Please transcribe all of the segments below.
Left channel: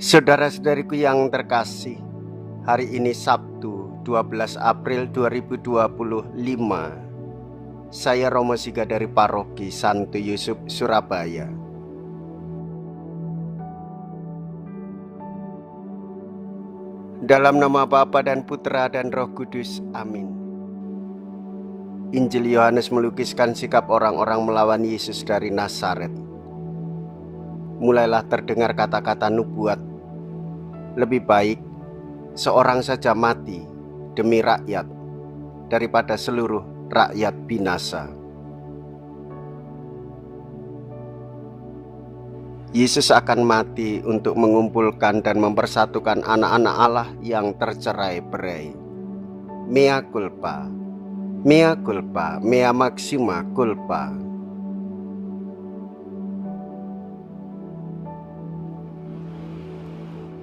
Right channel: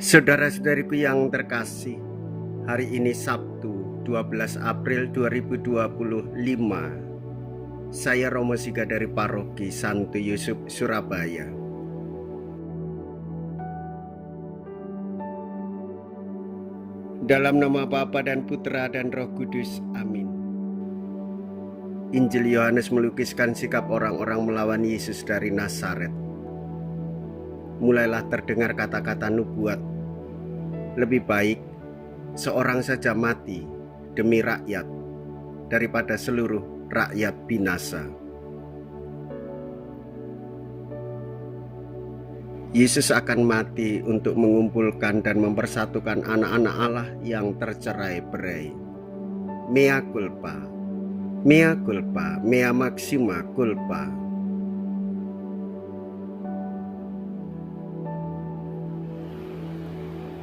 Saudara-saudariku yang terkasih, hari ini Sabtu 12 April 2025. Saya Romo Siga dari Paroki Santo Yusuf, Surabaya. Dalam nama Bapa dan Putra dan Roh Kudus, amin. Injil Yohanes melukiskan sikap orang-orang melawan Yesus dari Nazaret. Mulailah terdengar kata-kata nubuat, lebih baik seorang saja mati demi rakyat daripada seluruh rakyat binasa. Yesus akan mati untuk mengumpulkan dan mempersatukan anak-anak Allah yang tercerai-berai. Mea culpa, mea culpa, mea maxima culpa.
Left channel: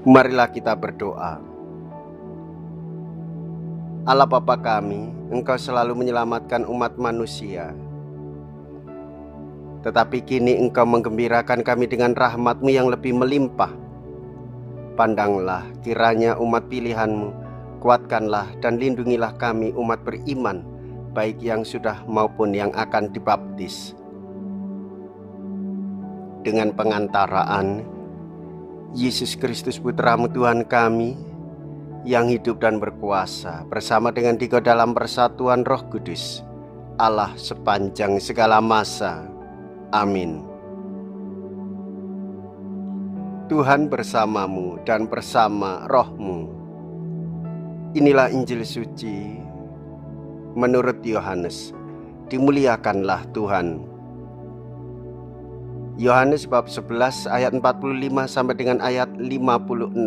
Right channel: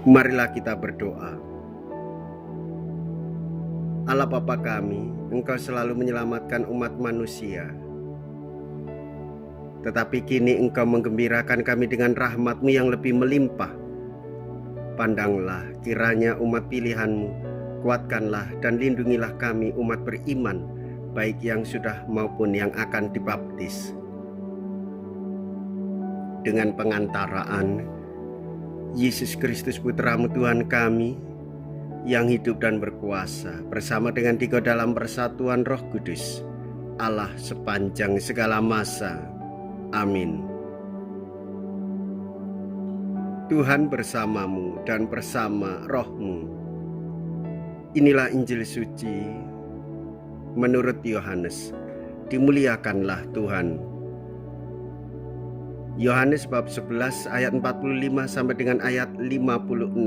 Marilah kita berdoa. Allah Bapa kami, Engkau selalu menyelamatkan umat manusia. Tetapi kini Engkau menggembirakan kami dengan rahmat-Mu yang lebih melimpah. Pandanglah kiranya umat pilihan-Mu, kuatkanlah dan lindungilah kami umat beriman, baik yang sudah maupun yang akan dibaptis. Dengan pengantaraan Yesus Kristus Putra-Mu Tuhan kami, yang hidup dan berkuasa bersama dengan Dikau dalam persatuan Roh Kudus, Allah sepanjang segala masa. Amin. Tuhan bersamamu dan bersama roh-Mu. Inilah Injil suci menurut Yohanes. Dimuliakanlah Tuhan. Yohanes bab 11 ayat 45 sampai dengan ayat 56.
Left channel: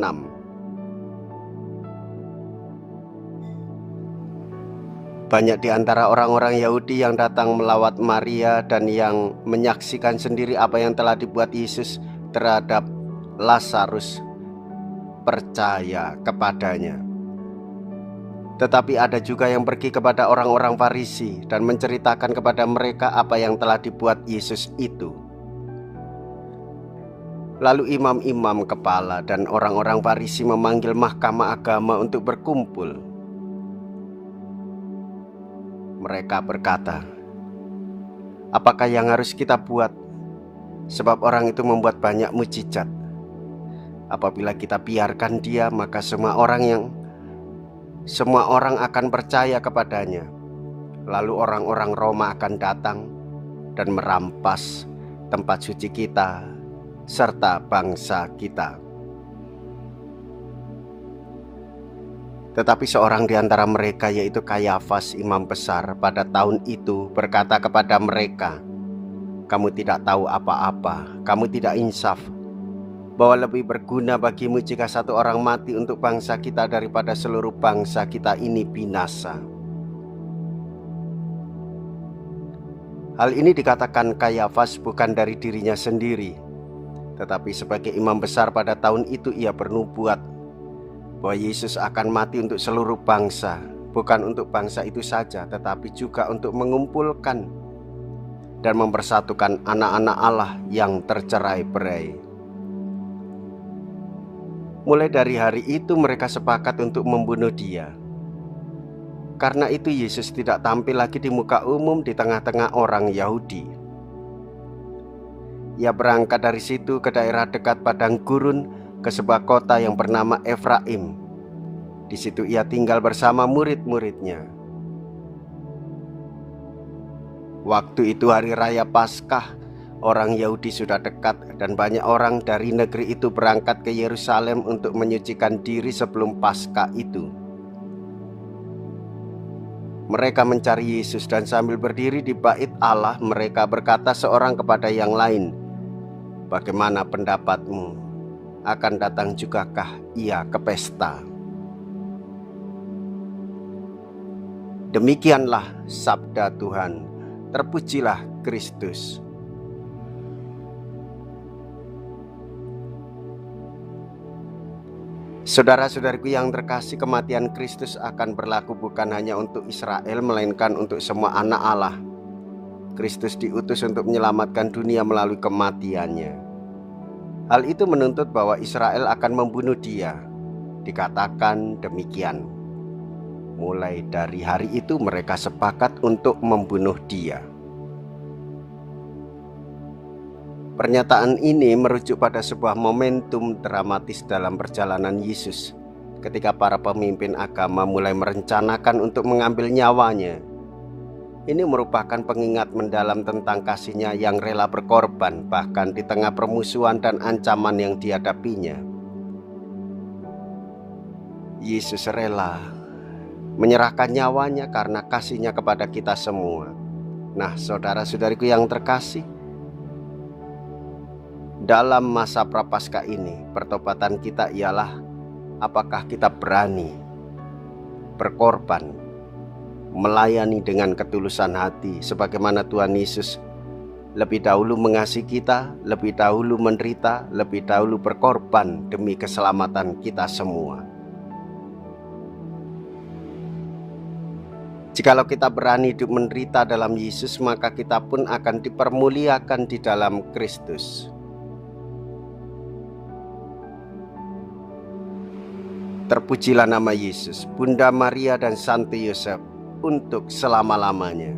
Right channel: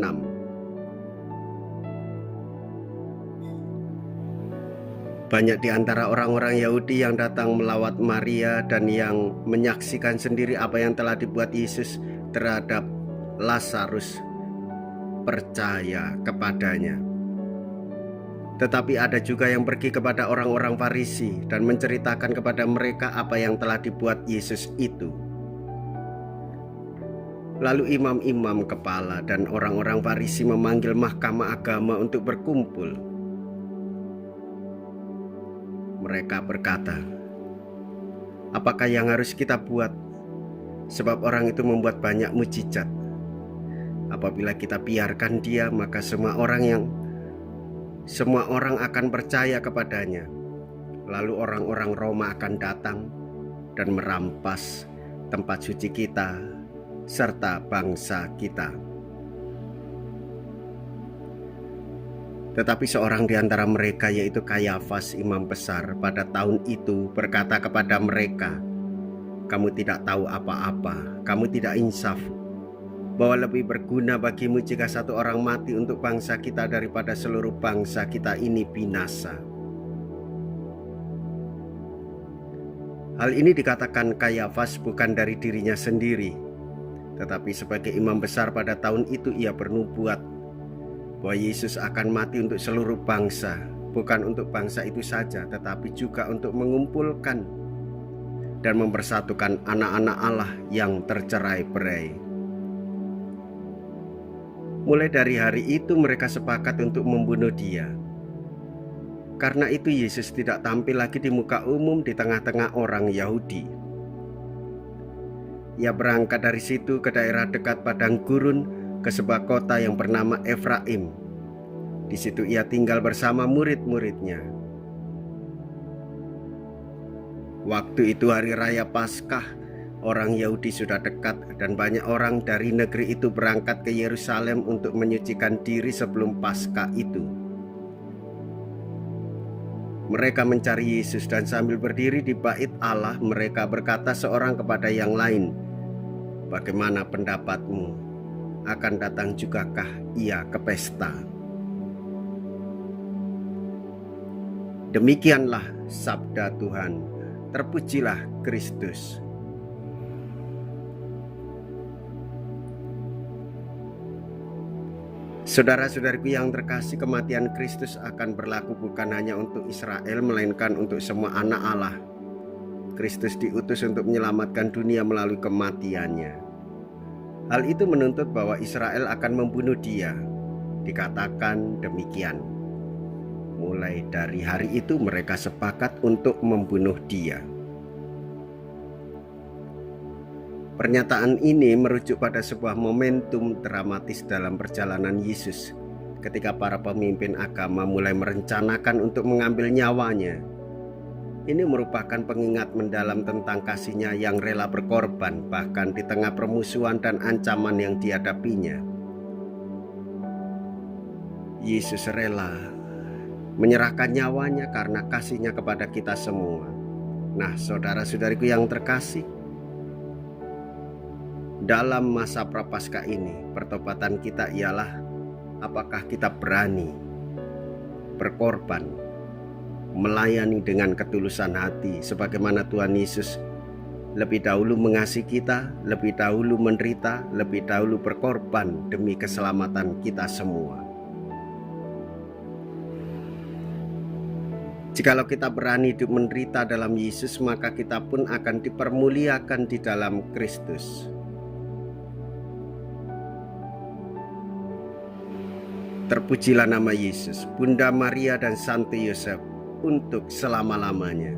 Banyak di antara orang-orang Yahudi yang datang melawat Maria dan yang menyaksikan sendiri apa yang telah dibuat Yesus terhadap Lazarus percaya kepadanya. Tetapi ada juga yang pergi kepada orang-orang Farisi dan menceritakan kepada mereka apa yang telah dibuat Yesus itu. Lalu imam-imam kepala dan orang-orang Farisi memanggil mahkamah agama untuk berkumpul. Mereka berkata, "Apakah yang harus kita buat? Sebab orang itu membuat banyak mukjizat. Apabila kita biarkan dia, maka semua orang akan percaya kepadanya. Lalu orang-orang Roma akan datang dan merampas tempat suci kita serta bangsa kita." Tetapi seorang di antara mereka, yaitu Kayafas, imam besar, pada tahun itu berkata kepada mereka, "Kamu tidak tahu apa-apa, kamu tidak insaf, bahwa lebih berguna bagimu jika satu orang mati untuk bangsa kita daripada seluruh bangsa kita ini binasa." Hal ini dikatakan Kayafas bukan dari dirinya sendiri, tetapi sebagai imam besar pada tahun itu ia bernubuat bahwa Yesus akan mati untuk seluruh bangsa, bukan untuk bangsa itu saja, tetapi juga untuk mengumpulkan dan mempersatukan anak-anak Allah yang tercerai-berai. Mulai dari hari itu mereka sepakat untuk membunuh Dia. Karena itu Yesus tidak tampil lagi di muka umum di tengah-tengah orang Yahudi. Ia berangkat dari situ ke daerah dekat padang gurun, ke sebuah kota yang bernama Efraim. Di situ ia tinggal bersama murid-muridnya. Waktu itu hari raya Paskah, orang Yahudi sudah dekat dan banyak orang dari negeri itu berangkat ke Yerusalem untuk menyucikan diri sebelum Paskah itu. Mereka mencari Yesus dan sambil berdiri di bait Allah, mereka berkata seorang kepada yang lain, "Bagaimana pendapatmu? Akan datang jugakah ia ke pesta?" Demikianlah sabda Tuhan. Terpujilah Kristus. Saudara-saudariku yang terkasih, kematian Kristus akan berlaku bukan hanya untuk Israel, melainkan untuk semua anak Allah. Kristus diutus untuk menyelamatkan dunia melalui kematiannya. Hal itu menuntut bahwa Israel akan membunuh dia. Dikatakan demikian. Mulai dari hari itu mereka sepakat untuk membunuh dia. Pernyataan ini merujuk pada sebuah momentum dramatis dalam perjalanan Yesus, ketika para pemimpin agama mulai merencanakan untuk mengambil nyawanya. Ini merupakan pengingat mendalam tentang kasih-Nya yang rela berkorban, bahkan di tengah permusuhan dan ancaman yang dihadapinya. Yesus rela menyerahkan nyawanya karena kasih-Nya kepada kita semua. Nah, saudara-saudariku yang terkasih, dalam masa prapaskah ini, pertobatan kita ialah apakah kita berani berkorban, melayani dengan ketulusan hati sebagaimana Tuhan Yesus lebih dahulu mengasihi kita, lebih dahulu menderita, lebih dahulu berkorban demi keselamatan kita semua. Jikalau kita berani hidup menderita dalam Yesus, maka kita pun akan dipermuliakan di dalam Kristus. Terpujilah nama Yesus, Bunda Maria dan Santo Yosef untuk selama-lamanya.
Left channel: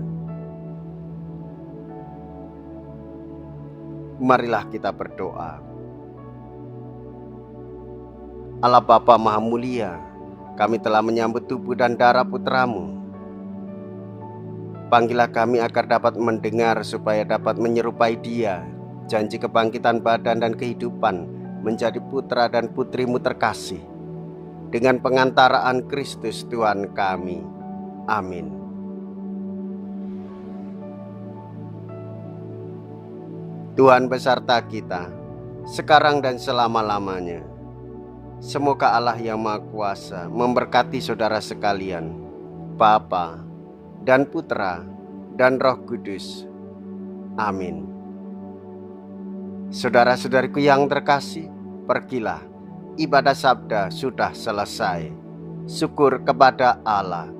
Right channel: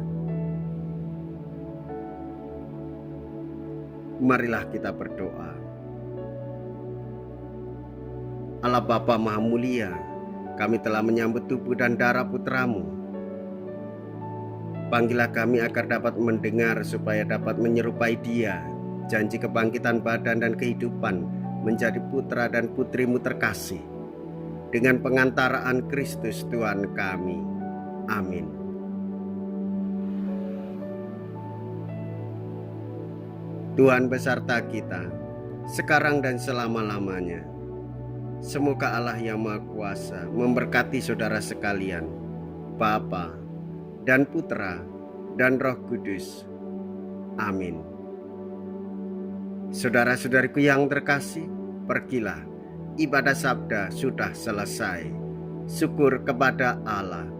Marilah kita berdoa. Allah Bapa Maha Mulia, kami telah menyambut tubuh dan darah Putra-Mu. Panggillah kami agar dapat mendengar supaya dapat menyerupai Dia, janji kebangkitan badan dan kehidupan, menjadi putra dan putri-Mu terkasih, dengan pengantaraan Kristus Tuhan kami. Amin. Tuhan beserta kita, sekarang dan selama-lamanya. Semoga Allah yang Maha Kuasa memberkati saudara sekalian, Bapa dan Putra dan Roh Kudus. Amin. Saudara-saudariku yang terkasih, pergilah. Ibadah sabda sudah selesai. Syukur kepada Allah.